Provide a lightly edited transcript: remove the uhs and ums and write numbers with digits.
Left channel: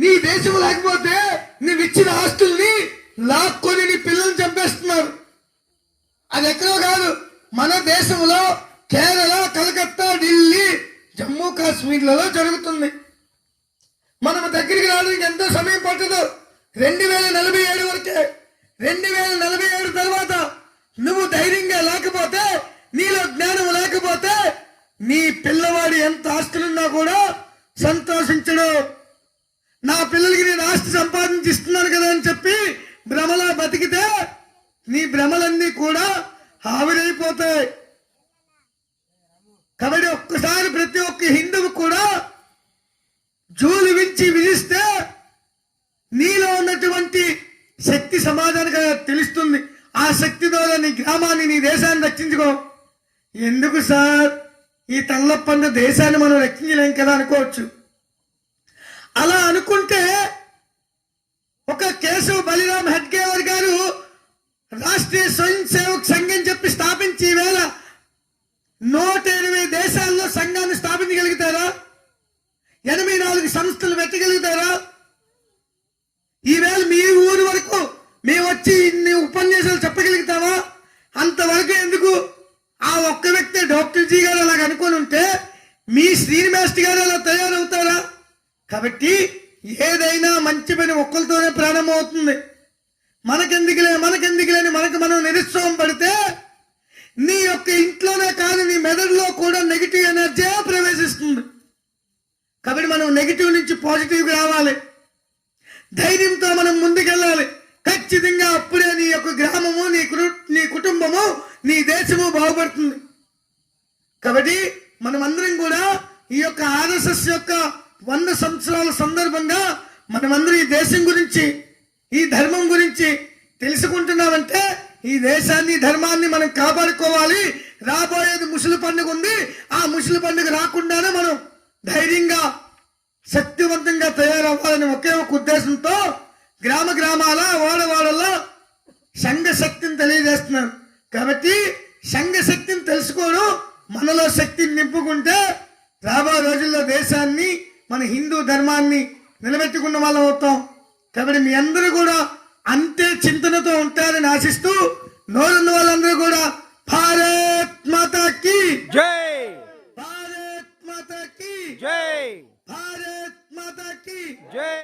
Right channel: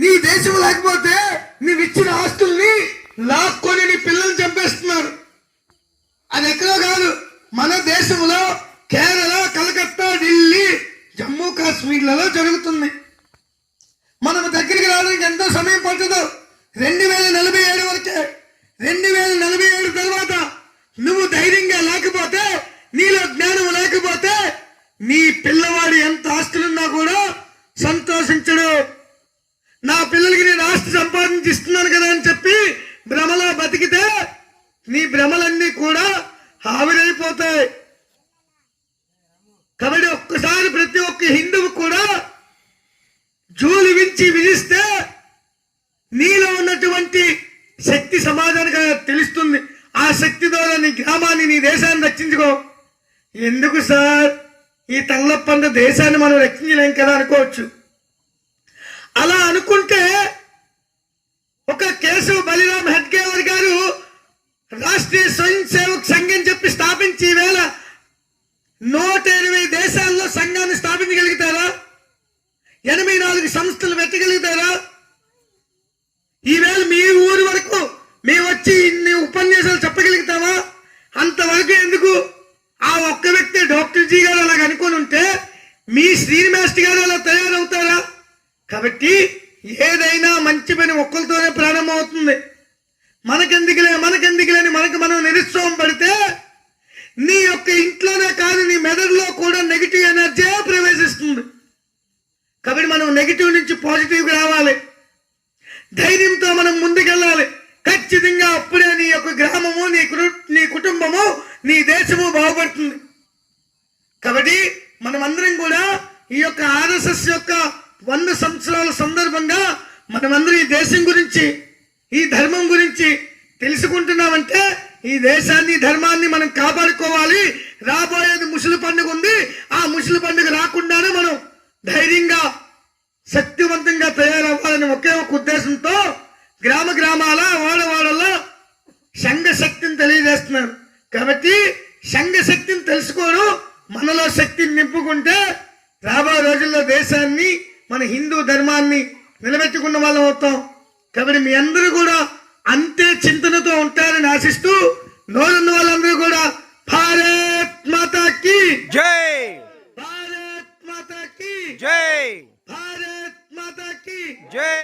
నీ దేశం లేకపోతే నీవిచ్చిన ఆస్తుల్ని లాక్కొని నీ పిల్లల్ని చంపేస్తున్నారు. అది ఎక్కడో కాదు, మన దేశంలో కేరళ, కలకత్తా, ఢిల్లీ, జమ్మూ కాశ్మీర్లలో జరుగుతుంది. మనం దగ్గరికి రావడానికి ఎంతో సమయం పట్టదు. 2047 వరకే. 2047 తర్వాత నువ్వు ధైర్యంగా లేకపోతే, నీలో జ్ఞానం లేకపోతే, నీ పిల్లవాడు ఎంత ఆస్తులున్నా కూడా సంతోషించడు. నా పిల్లలకి నేను ఆస్తి సంపాదించి ఇస్తున్నాను కదా అని చెప్పి భ్రమలో బతికితే నీ భ్రమలన్నీ కూడా ఆవిరైపోతాయి. కాబట్టి ఒక్కసారి ప్రతి ఒక్క హిందువు కూడా జూలు వించి విధిస్తే నీలో ఉన్నటువంటి శక్తి సమాజానికి తెలుస్తుంది. ఆ శక్తి ద్వారా నీ గ్రామాన్ని, నీ దేశాన్ని రక్షించుకో. ఎందుకు సార్ ఈ తల్లప్పంద దేశాన్ని మనం రక్షించలేం కదా అనుకోవచ్చు. అలా అనుకుంటే ఒక కేశవ్ బలిరామ్ హెడ్గేవర్ గారు రాష్ట్రీయ స్వయం సేవక్ సంఘం చెప్పి స్థాపించి ఈవేళ 120 దేశాల్లో సంఘాన్ని స్థాపించగలుగుతారా? 84 సంస్థలు పెట్టగలుగుతారా? ఈవేళ మీ ఊరు వరకు మేము వచ్చి ఇన్ని ఉపన్యాసాలు చెప్పగలుగుతావా? అంతవరకు ఎందుకు? ఆ ఒక్క వ్యక్తి డాక్టర్ జీ గారు అలాగ అనుకుని ఉంటే మీ శ్రీనివాస్ గారు అలా తయారవుతారా? కాబట్టి ఏదైనా మంచి పని ఒక్కరితోనే ప్రారంభమవుతుంది. మనకెందుకులే అని మనకు మనం నిరుత్సాహం పడితే నీ యొక్క ఇంట్లోనే కాదు, నీ మెదడులో కూడా నెగిటివ్ ఎనర్జీ ప్రవేశిస్తుంది. కాబట్టి మనం నెగిటివ్ నుంచి పాజిటివ్కి రావాలి. ధైర్యంతో మనం ముందుకెళ్ళాలి. ఖచ్చితంగా అప్పుడే నీ యొక్క గ్రామము, నీ కుటుంబము, నీ దేశము బాగుపడుతుంది. కాబట్టి మనమందరం కూడా ఈ యొక్క ఆర్ఎస్ఎస్ యొక్క 100 సంవత్సరాల సందర్భంగా మనమందరం ఈ దేశం గురించి, ఈ ధర్మం గురించి తెలుసుకుంటున్నామంటే ఈ దేశాన్ని, ధర్మాన్ని మనం కాపాడుకోవాలి. రాబోయేది ముసలి పండుగ ఉంది. ఆ ముసలి పండుగ రాకుండానే మనం ధైర్యంగా, శక్తివంతంగా తయారవ్వాలని ఒకే ఒక ఉద్దేశంతో గ్రామాల, వాడవాడలో సంఘ శక్తిని తెలియజేస్తున్నారు. కాబట్టి సంఘ శక్తిని తెలుసుకోవడం, మనలో శక్తిని నింపుకుంటే రాబోయే రోజుల్లో దేశాన్ని, మన హిందూ ధర్మాన్ని నిలబెట్టుకున్న వాళ్ళం అవుతాం. కాబట్టి మీ అందరూ కూడా అంతే చింతనతో ఉంటారని ఆశిస్తూ, నోరున్న వాళ్ళందరూ కూడా భారత్ మాతాకి జై, భారత్ మాతాకి జై, భారత్ మాతాకి జై.